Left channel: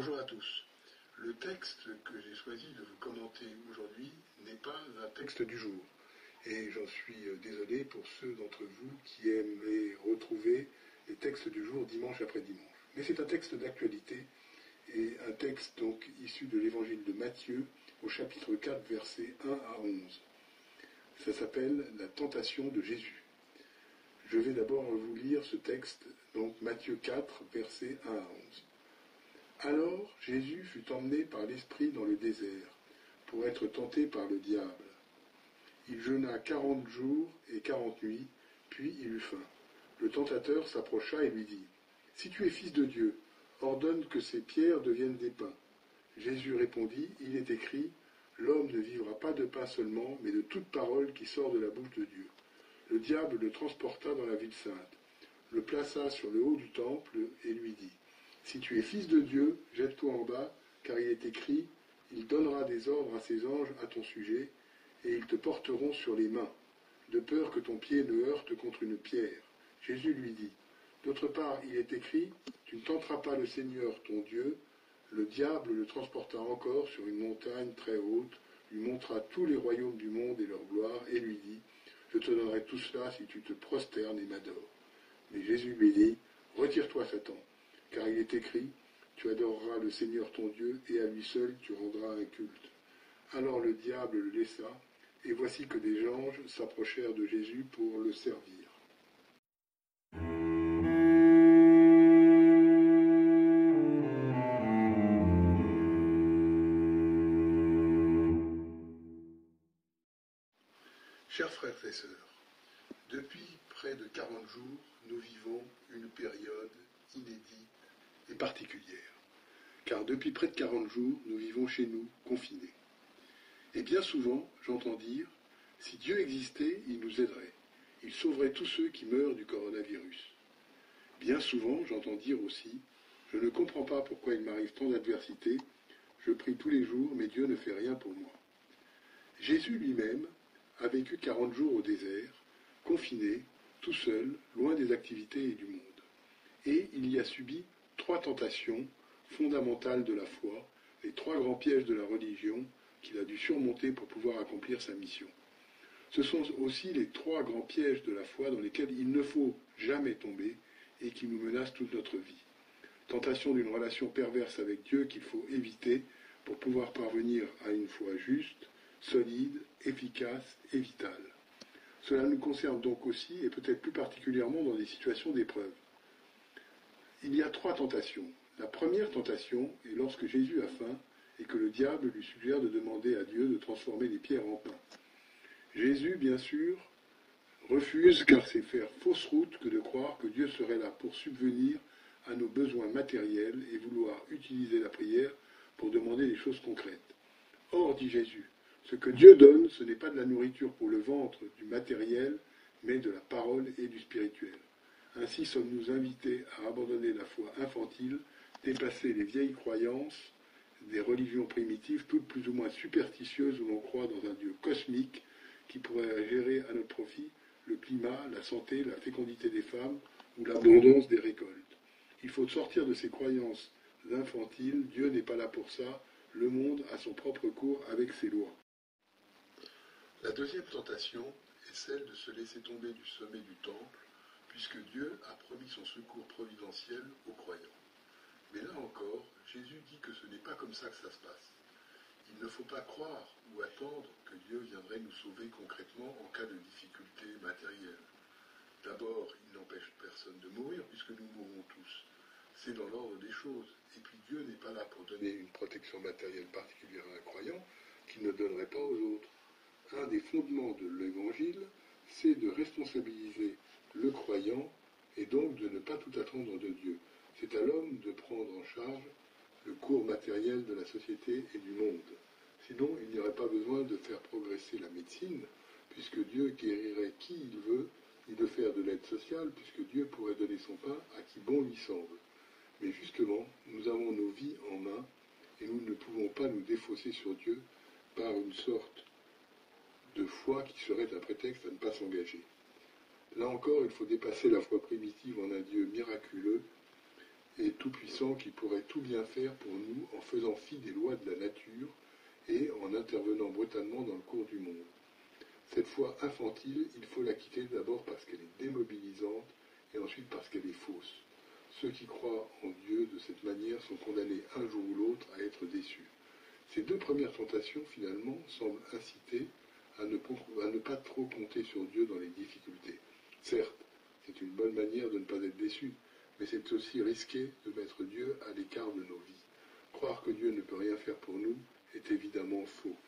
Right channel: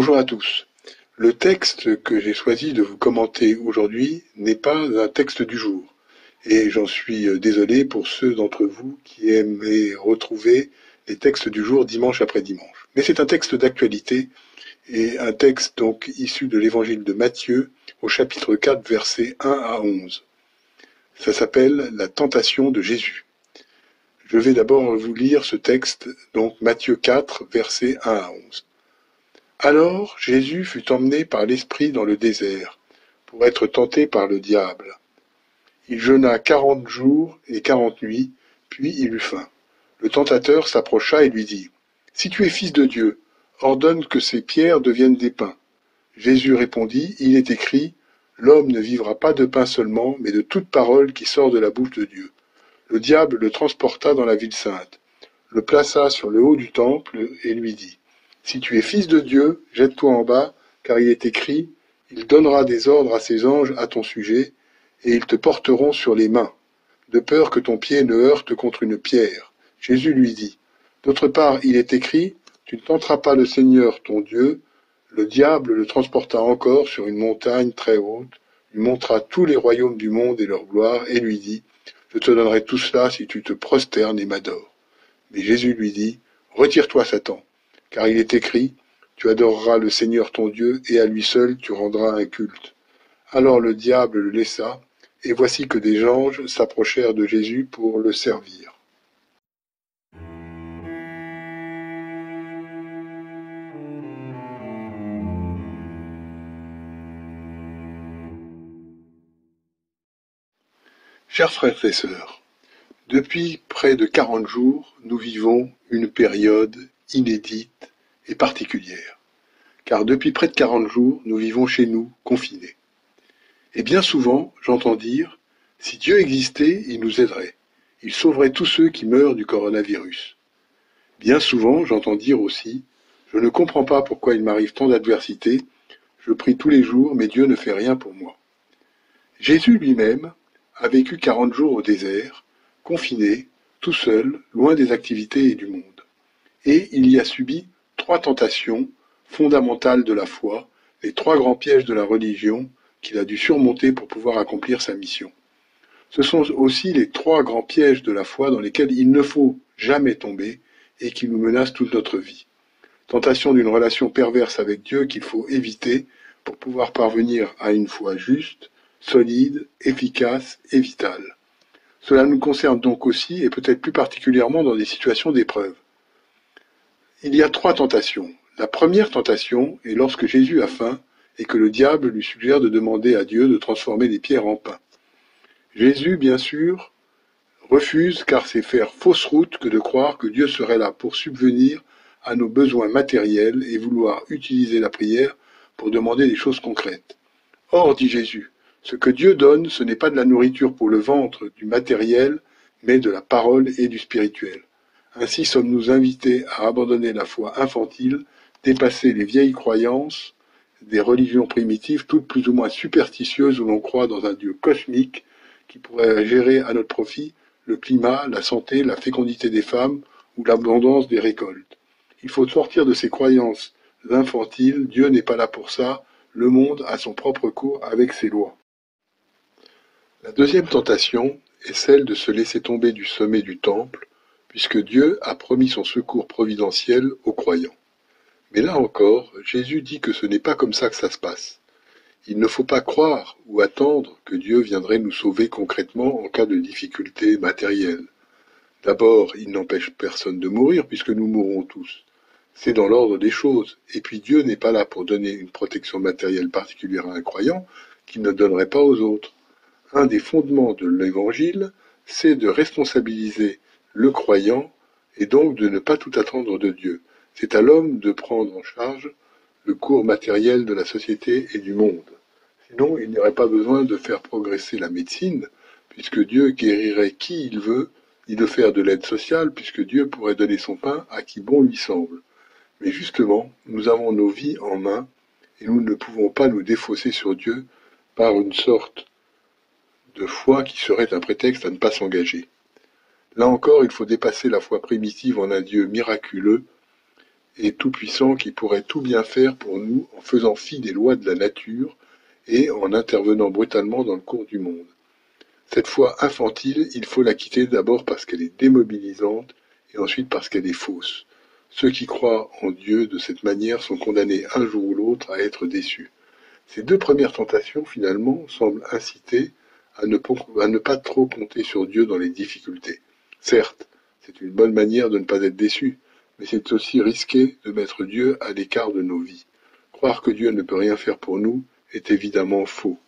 Bonjour à tous. Le texte que j'ai choisi de vous commenter aujourd'hui n'est pas un texte du jour. Et j'en suis désolé pour ceux d'entre vous qui aimaient retrouver les textes du jour dimanche après dimanche. Mais c'est un texte d'actualité et un texte donc issu de l'évangile de Matthieu au chapitre 4 versets 1 à 11. Ça s'appelle la tentation de Jésus. Je vais d'abord vous lire ce texte, donc Matthieu 4 versets 1 à 11. Alors Jésus fut emmené par l'Esprit dans le désert, pour être tenté par le diable. Il jeûna 40 jours et 40 nuits, puis il eut faim. Le tentateur s'approcha et lui dit, « Si tu es fils de Dieu, ordonne que ces pierres deviennent des pains. » Jésus répondit, « Il est écrit, l'homme ne vivra pas de pain seulement, mais de toute parole qui sort de la bouche de Dieu. » Le diable le transporta dans la ville sainte, le plaça sur le haut du temple et lui dit, « Si tu es fils de Dieu, jette-toi en bas, car il est écrit, il donnera des ordres à ses anges à ton sujet, et ils te porteront sur les mains, de peur que ton pied ne heurte contre une pierre. » Jésus lui dit, « D'autre part, il est écrit, tu ne tenteras pas le Seigneur ton Dieu. » Le diable le transporta encore sur une montagne très haute, lui montra tous les royaumes du monde et leur gloire, et lui dit, « Je te donnerai tout cela si tu te prosternes et m'adores. » Mais Jésus lui dit, « Retire-toi, Satan, car il est écrit, tu adoreras le Seigneur ton Dieu, et à lui seul tu rendras un culte. » Alors le diable le laissa, et voici que des anges s'approchèrent de Jésus pour le servir. Chers frères et sœurs, depuis près de 40 jours, nous vivons une période inédite et particulière. Car depuis près de 40 jours, nous vivons chez nous, confinés. Et bien souvent, j'entends dire, si Dieu existait, il nous aiderait. Il sauverait tous ceux qui meurent du coronavirus. Bien souvent, j'entends dire aussi, je ne comprends pas pourquoi il m'arrive tant d'adversités, je prie tous les jours, mais Dieu ne fait rien pour moi. Jésus lui-même a vécu 40 jours au désert, confiné, tout seul, loin des activités et du monde. Et il y a subi 3 tentations fondamentales de la foi, les 3 grands pièges de la religion qu'il a dû surmonter pour pouvoir accomplir sa mission. Ce sont aussi les 3 grands pièges de la foi dans lesquels il ne faut jamais tomber et qui nous menacent toute notre vie. Tentation d'une relation perverse avec Dieu qu'il faut éviter pour pouvoir parvenir à une foi juste, solide, efficace et vitale. Cela nous concerne donc aussi et peut-être plus particulièrement dans des situations d'épreuve. Il y a 3 tentations. La première tentation est lorsque Jésus a faim et que le diable lui suggère de demander à Dieu de transformer les pierres en pain. Jésus, bien sûr, refuse car c'est faire fausse route que de croire que Dieu serait là pour subvenir à nos besoins matériels et vouloir utiliser la prière pour demander des choses concrètes. Or, dit Jésus, ce que Dieu donne, ce n'est pas de la nourriture pour le ventre, du matériel, mais de la parole et du spirituel. Ainsi sommes-nous invités à abandonner la foi infantile, dépasser les vieilles croyances des religions primitives, toutes plus ou moins superstitieuses où l'on croit dans un Dieu cosmique qui pourrait gérer à notre profit le climat, la santé, la fécondité des femmes ou l'abondance des récoltes. Il faut sortir de ces croyances infantiles, Dieu n'est pas là pour ça, le monde a son propre cours avec ses lois. La deuxième tentation est celle de se laisser tomber du sommet du temple, puisque Dieu a promis son secours providentiel aux croyants. Mais là encore, Jésus dit que ce n'est pas comme ça que ça se passe. Il ne faut pas croire ou attendre que Dieu viendrait nous sauver concrètement en cas de difficultés matérielles. D'abord, il n'empêche personne de mourir puisque nous mourrons tous. C'est dans l'ordre des choses. Et puis Dieu n'est pas là pour donner une protection matérielle particulière à un croyant qu'il ne donnerait pas aux autres. Un des fondements de l'Évangile, c'est de responsabiliser le croyant et donc de ne pas tout attendre de Dieu. C'est à l'homme de prendre en charge le cours matériel de la société et du monde. Sinon, il n'y aurait pas besoin de faire progresser la médecine, puisque Dieu guérirait qui il veut, ni de faire de l'aide sociale, puisque Dieu pourrait donner son pain à qui bon lui semble. Mais justement, nous avons nos vies en main, et nous ne pouvons pas nous défausser sur Dieu par une sorte de foi qui serait un prétexte à ne pas s'engager. Là encore, il faut dépasser la foi primitive en un Dieu miraculeux et tout-puissant qui pourrait tout bien faire pour nous en faisant fi des lois de la nature et en intervenant brutalement dans le cours du monde. Cette foi infantile, il faut la quitter d'abord parce qu'elle est démobilisante et ensuite parce qu'elle est fausse. Ceux qui croient en Dieu de cette manière sont condamnés un jour ou l'autre à être déçus. Ces deux premières tentations, finalement, semblent inciter à ne pas trop compter sur Dieu dans les difficultés. Certes, c'est une bonne manière de ne pas être déçu, mais c'est aussi risqué de mettre Dieu à l'écart de nos vies. Croire que Dieu ne peut rien faire pour nous est évidemment faux.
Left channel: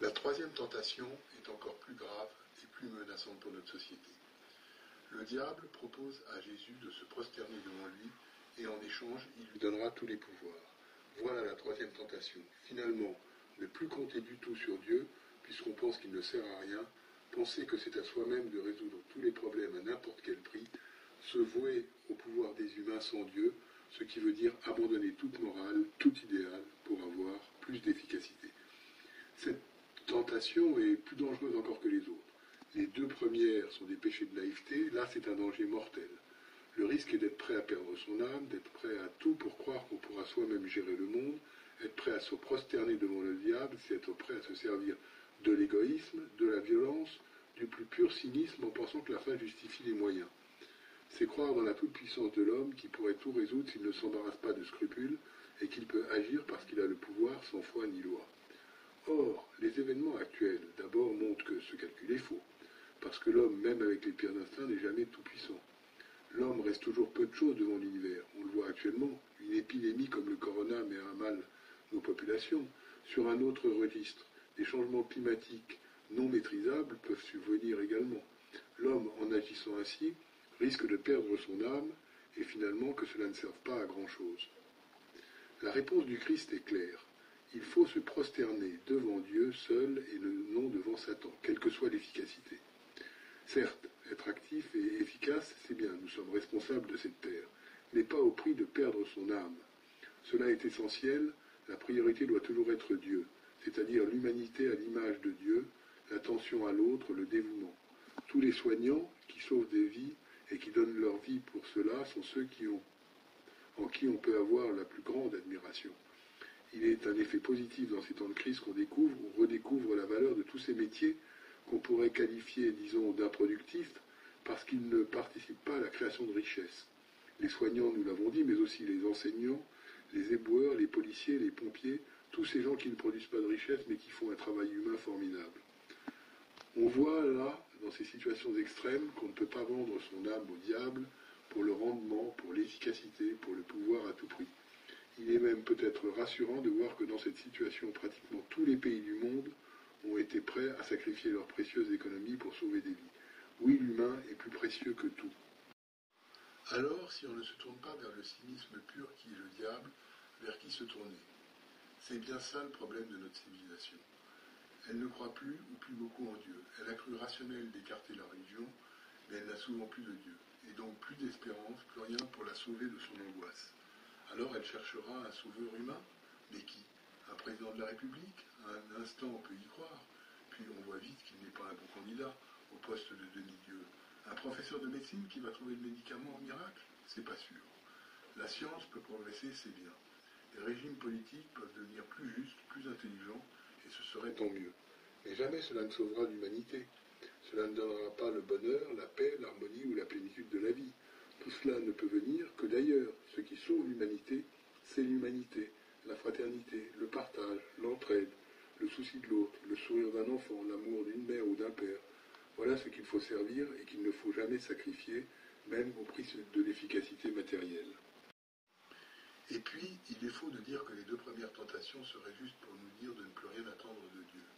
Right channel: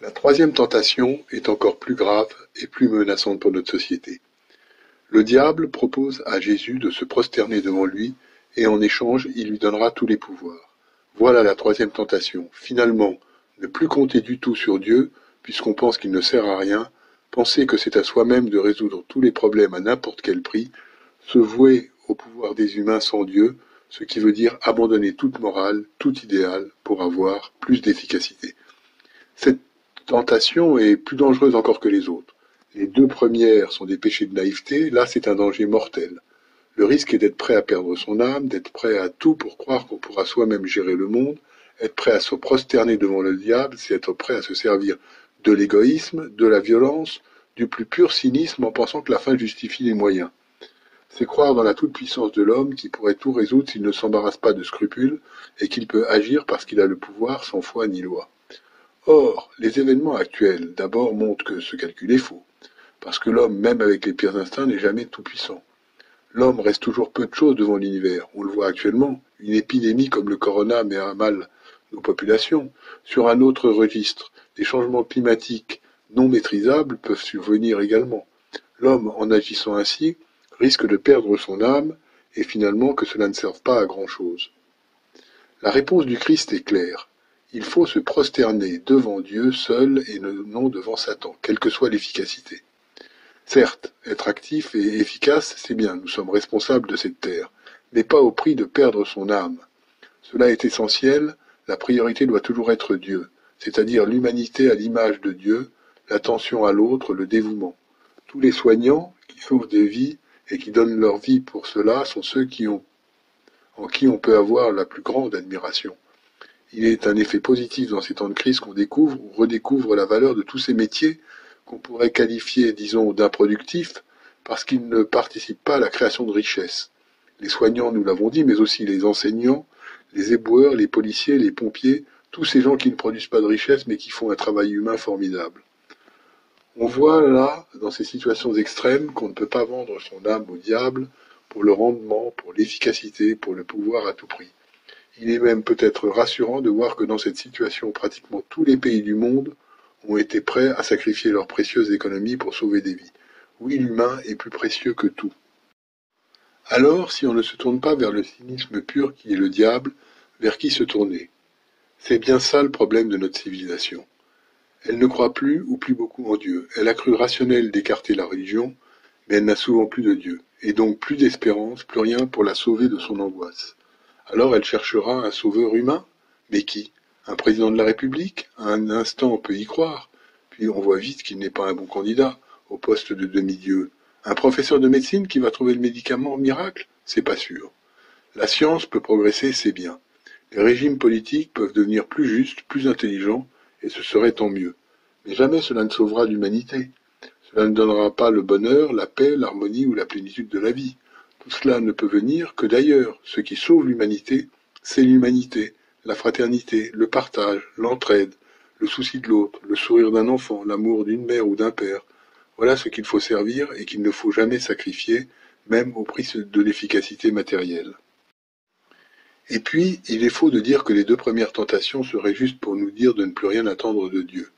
La troisième tentation est encore plus grave et plus menaçante pour notre société. Le diable propose à Jésus de se prosterner devant lui et en échange, il lui donnera tous les pouvoirs. Voilà la troisième tentation. Finalement, ne plus compter du tout sur Dieu, puisqu'on pense qu'il ne sert à rien, penser que c'est à soi-même de résoudre tous les problèmes à n'importe quel prix, se vouer au pouvoir des humains sans Dieu, ce qui veut dire abandonner toute morale, tout idéal, pour avoir plus d'efficacité. Cette tentation est plus dangereuse encore que les autres. Les deux premières sont des péchés de naïveté, là c'est un danger mortel. Le risque est d'être prêt à perdre son âme, d'être prêt à tout pour croire qu'on pourra soi-même gérer le monde. Être prêt à se prosterner devant le diable, c'est être prêt à se servir de l'égoïsme, de la violence, du plus pur cynisme en pensant que la fin justifie les moyens. C'est croire dans la toute-puissance de l'homme qui pourrait tout résoudre s'il ne s'embarrasse pas de scrupules et qu'il peut agir parce qu'il a le pouvoir sans foi ni loi. Or, les événements actuels d'abord montrent que ce calcul est faux, parce que l'homme, même avec les pires instincts, n'est jamais tout-puissant. L'homme reste toujours peu de choses devant l'univers. On le voit actuellement. Une épidémie comme le corona met à mal nos populations. Sur un autre registre, des changements climatiques non maîtrisables peuvent survenir également. L'homme, en agissant ainsi, risque de perdre son âme et finalement que cela ne serve pas à grand-chose. La réponse du Christ est claire. Il faut se prosterner devant Dieu seul et non devant Satan, quelle que soit l'efficacité. Certes, être actif et efficace, c'est bien, nous sommes responsables de cette terre, mais pas au prix de perdre son âme. Cela est essentiel, la priorité doit toujours être Dieu, c'est-à-dire l'humanité à l'image de Dieu, l'attention à l'autre, le dévouement. Tous les soignants qui sauvent des vies et qui donnent leur vie pour cela sont ceux en qui on peut avoir la plus grande admiration. Il est un effet positif dans ces temps de crise qu'on découvre ou redécouvre la valeur de tous ces métiers qu'on pourrait qualifier, disons, d'improductifs, parce qu'ils ne participent pas à la création de richesses. Les soignants, nous l'avons dit, mais aussi les enseignants, les éboueurs, les policiers, les pompiers, tous ces gens qui ne produisent pas de richesse mais qui font un travail humain formidable. On voit là, dans ces situations extrêmes, qu'on ne peut pas vendre son âme au diable pour le rendement, pour l'efficacité, pour le pouvoir à tout prix. Il est même peut-être rassurant de voir que dans cette situation, pratiquement tous les pays du monde ont été prêts à sacrifier leurs précieuses économies pour sauver des vies. Oui, l'humain est plus précieux que tout. Alors, si on ne se tourne pas vers le cynisme pur qui est le diable, vers qui se tourner? C'est bien ça le problème de notre civilisation. Elle ne croit plus ou plus beaucoup en Dieu. Elle a cru rationnel d'écarter la religion, mais elle n'a souvent plus de Dieu, et donc plus d'espérance, plus rien pour la sauver de son angoisse. Alors elle cherchera un sauveur humain? Mais qui? Un président de la République? À un instant on peut y croire, puis on voit vite qu'il n'est pas un bon candidat au poste de demi-dieu. Un professeur de médecine qui va trouver le médicament miracle? C'est pas sûr. La science peut progresser, c'est bien. Les régimes politiques peuvent devenir plus justes, plus intelligents, et ce serait tant mieux. Mais jamais cela ne sauvera l'humanité. Cela ne donnera pas le bonheur, la paix, l'harmonie ou la plénitude de la vie. Tout cela ne peut venir que d'ailleurs. Ce qui sauve l'humanité, c'est l'humanité, la fraternité, le partage, l'entraide, le souci de l'autre, le sourire d'un enfant, l'amour d'une mère ou d'un père. Voilà ce qu'il faut servir et qu'il ne faut jamais sacrifier, même au prix de l'efficacité matérielle. Et puis, il est faux de dire que les deux premières tentations seraient justes pour nous dire de ne plus rien attendre de Dieu.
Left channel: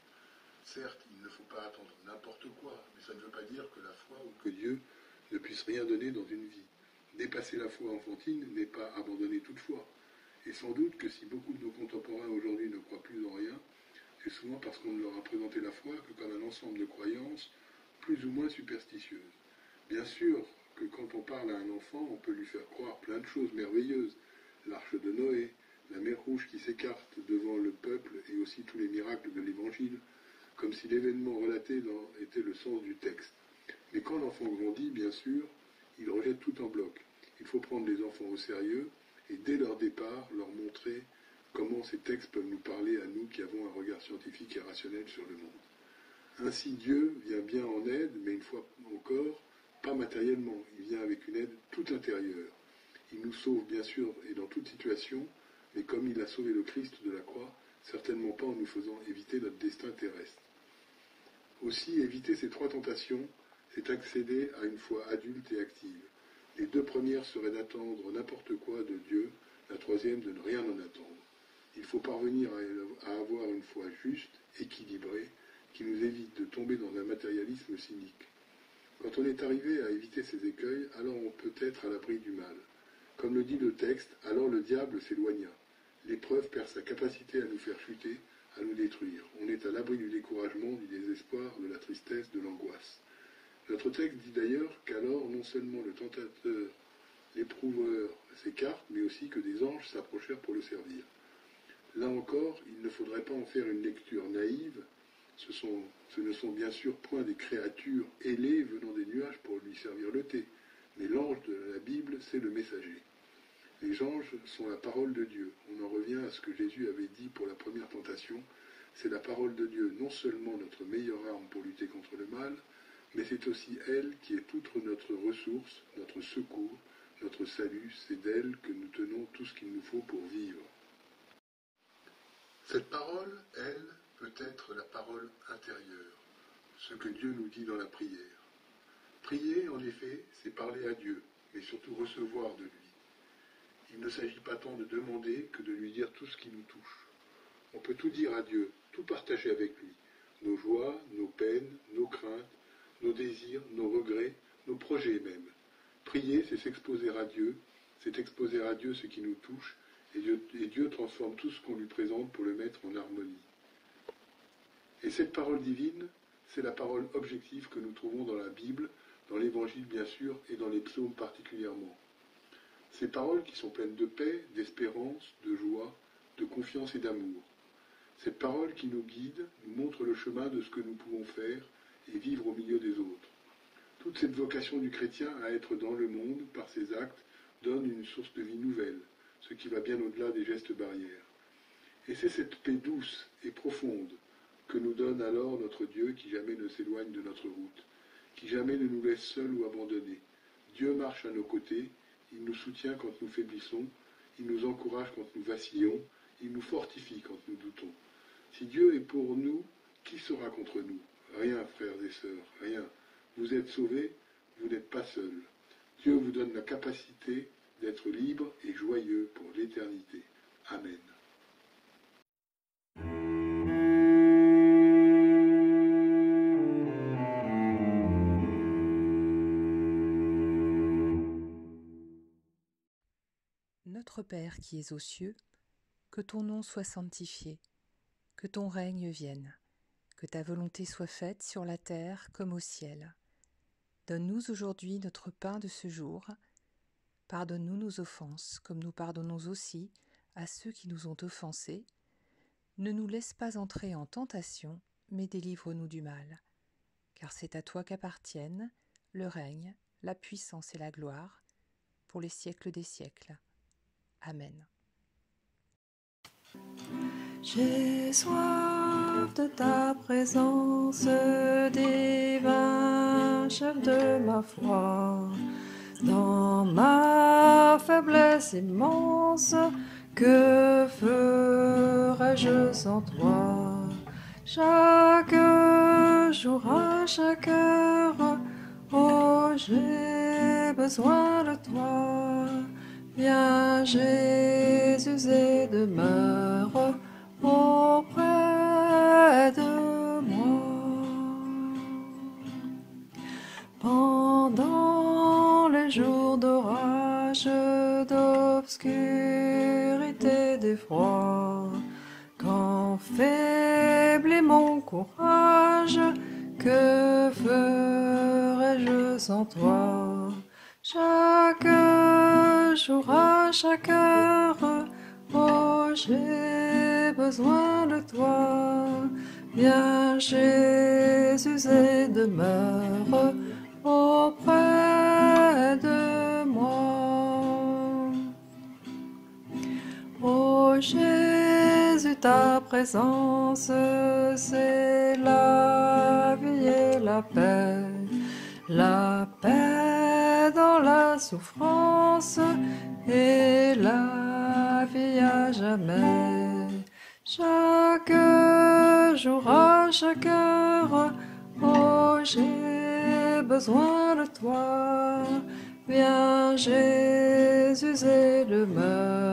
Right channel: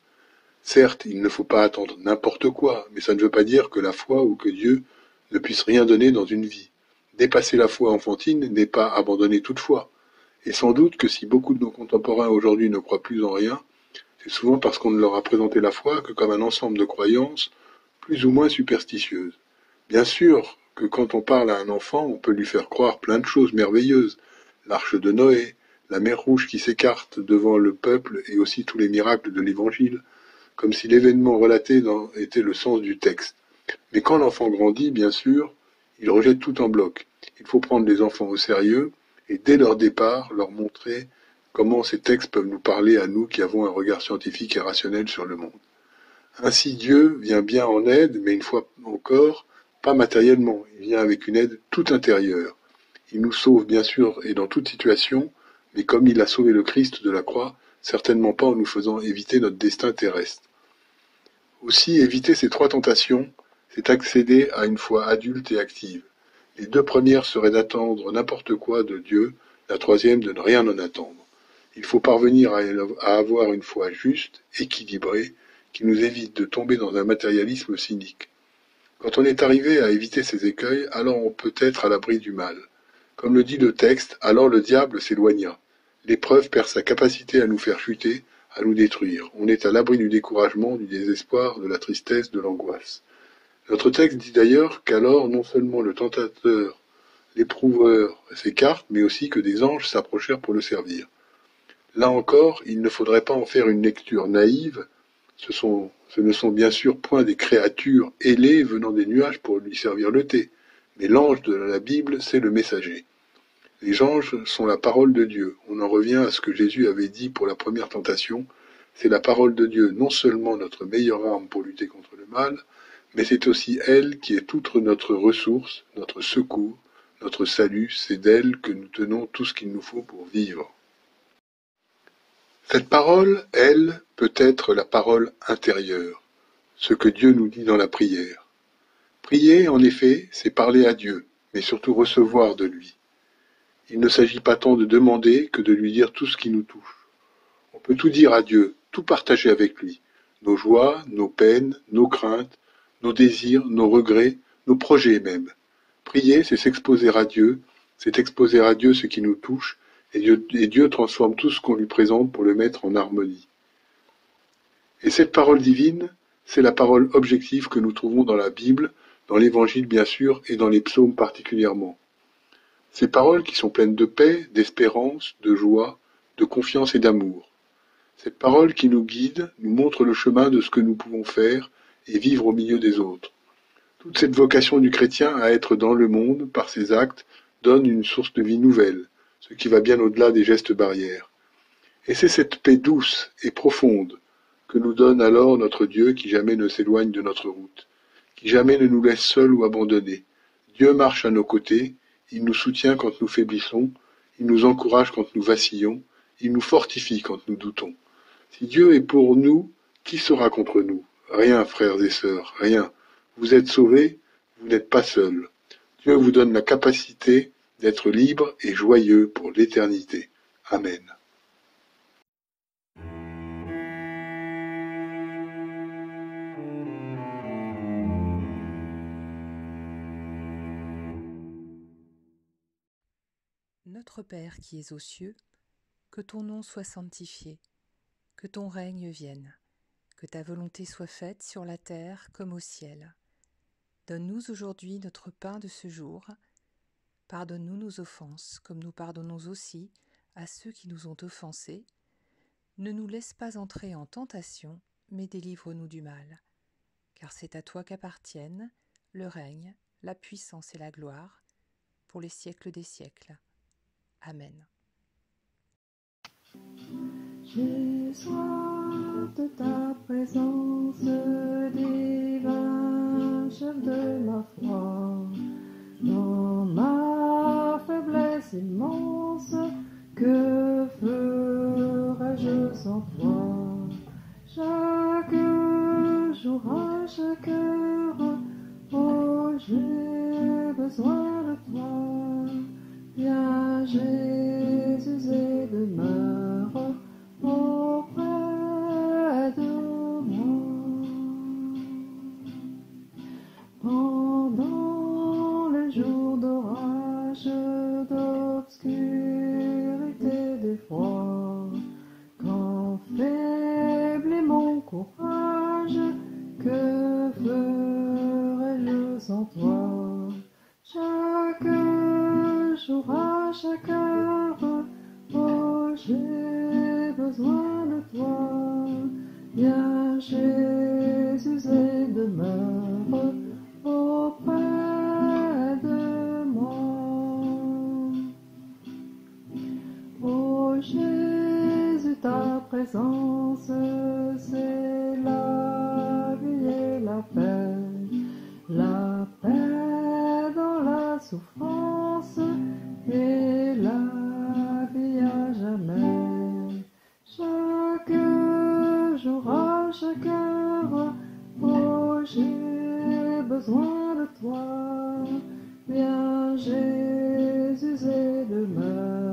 Certes, il ne faut pas attendre n'importe quoi, mais ça ne veut pas dire que la foi ou que Dieu ne puisse rien donner dans une vie. Dépasser la foi enfantine n'est pas abandonner toute foi. Et sans doute que si beaucoup de nos contemporains aujourd'hui ne croient plus en rien, c'est souvent parce qu'on ne leur a présenté la foi que comme un ensemble de croyances plus ou moins superstitieuses. Bien sûr que quand on parle à un enfant, on peut lui faire croire plein de choses merveilleuses. L'arche de Noé, la mer Rouge qui s'écarte devant le peuple et aussi tous les miracles de l'Évangile, comme si l'événement relaté était le sens du texte. Mais quand l'enfant grandit, bien sûr, il rejette tout en bloc. Il faut prendre les enfants au sérieux et dès leur départ leur montrer comment ces textes peuvent nous parler à nous qui avons un regard scientifique et rationnel sur le monde. Ainsi Dieu vient bien en aide, mais une fois encore, pas matériellement, il vient avec une aide toute intérieure. Il nous sauve bien sûr et dans toute situation, mais comme il a sauvé le Christ de la croix, certainement pas en nous faisant éviter notre destin terrestre. Aussi, éviter ces trois tentations, c'est accéder à une foi adulte et active. Les deux premières seraient d'attendre n'importe quoi de Dieu, la troisième de ne rien en attendre. Il faut parvenir à avoir une foi juste, équilibrée, qui nous évite de tomber dans un matérialisme cynique. Quand on est arrivé à éviter ces écueils, alors on peut être à l'abri du mal. Comme le dit le texte, alors le diable s'éloigna. L'épreuve perd sa capacité à nous faire chuter, à nous détruire. On est à l'abri du découragement, du désespoir, de la tristesse, de l'angoisse. Notre texte dit d'ailleurs qu'alors non seulement le tentateur, l'éprouveur s'écarte, mais aussi que des anges s'approchèrent pour le servir. Là encore, il ne faudrait pas en faire une lecture naïve. Ce ne sont bien sûr point des créatures ailées venant des nuages pour lui servir le thé, mais l'ange de la Bible, c'est le messager. Les anges sont la parole de Dieu. On en revient à ce que Jésus avait dit pour la première tentation. C'est la parole de Dieu, non seulement notre meilleure arme pour lutter contre le mal, mais c'est aussi elle qui est toute notre ressource, notre secours, notre salut. C'est d'elle que nous tenons tout ce qu'il nous faut pour vivre. Cette parole, elle, peut être la parole intérieure, ce que Dieu nous dit dans la prière. Prier, en effet, c'est parler à Dieu, mais surtout recevoir de lui. Il ne s'agit pas tant de demander que de lui dire tout ce qui nous touche. On peut tout dire à Dieu, tout partager avec lui, nos joies, nos peines, nos craintes, nos désirs, nos regrets, nos projets même. Prier, c'est s'exposer à Dieu, c'est exposer à Dieu ce qui nous touche, et Dieu transforme tout ce qu'on lui présente pour le mettre en harmonie. Et cette parole divine, c'est la parole objective que nous trouvons dans la Bible, dans l'Évangile bien sûr, et dans les psaumes particulièrement. Ces paroles qui sont pleines de paix, d'espérance, de joie, de confiance et d'amour. Cette parole qui nous guide, nous montre le chemin de ce que nous pouvons faire et vivre au milieu des autres. Toute cette vocation du chrétien à être dans le monde, par ses actes, donne une source de vie nouvelle, ce qui va bien au-delà des gestes barrières. Et c'est cette paix douce et profonde que nous donne alors notre Dieu qui jamais ne s'éloigne de notre route, qui jamais ne nous laisse seuls ou abandonnés. Dieu marche à nos côtés, il nous soutient quand nous faiblissons, il nous encourage quand nous vacillons, il nous fortifie quand nous doutons. Si Dieu est pour nous, qui sera contre nous? Rien, frères et sœurs, rien. Vous êtes sauvés, vous n'êtes pas seuls. Dieu vous donne la capacité d'être libre et joyeux pour l'éternité. Amen. Notre Père qui es aux cieux, que ton nom soit sanctifié, que ton règne vienne, que ta volonté soit faite sur la terre comme au ciel. Donne-nous aujourd'hui notre pain de ce jour. Pardonne-nous nos offenses, comme nous pardonnons aussi à ceux qui nous ont offensés. Ne nous laisse pas entrer en tentation, mais délivre-nous du mal. Car c'est à toi qu'appartiennent le règne, la puissance et la gloire, pour les siècles des siècles. Amen. J'ai soif de ta présence, divin chef de ma foi. Dans ma faiblesse immense, que ferais-je sans toi? Chaque jour, à chaque heure, oh, j'ai besoin de toi. Viens Jésus et demeure auprès de moi. Pendant les jours d'orage, d'obscurité, d'effroi, quand faible est mon courage, que ferais-je sans toi? Chaque jour, à chaque heure, oh, j'ai besoin de toi. Viens Jésus et demeure auprès de moi. présence, c'est la vie et la paix dans la souffrance et la vie à jamais. Chaque jour, à chaque heure, oh j'ai besoin de toi. Viens Jésus et demeure.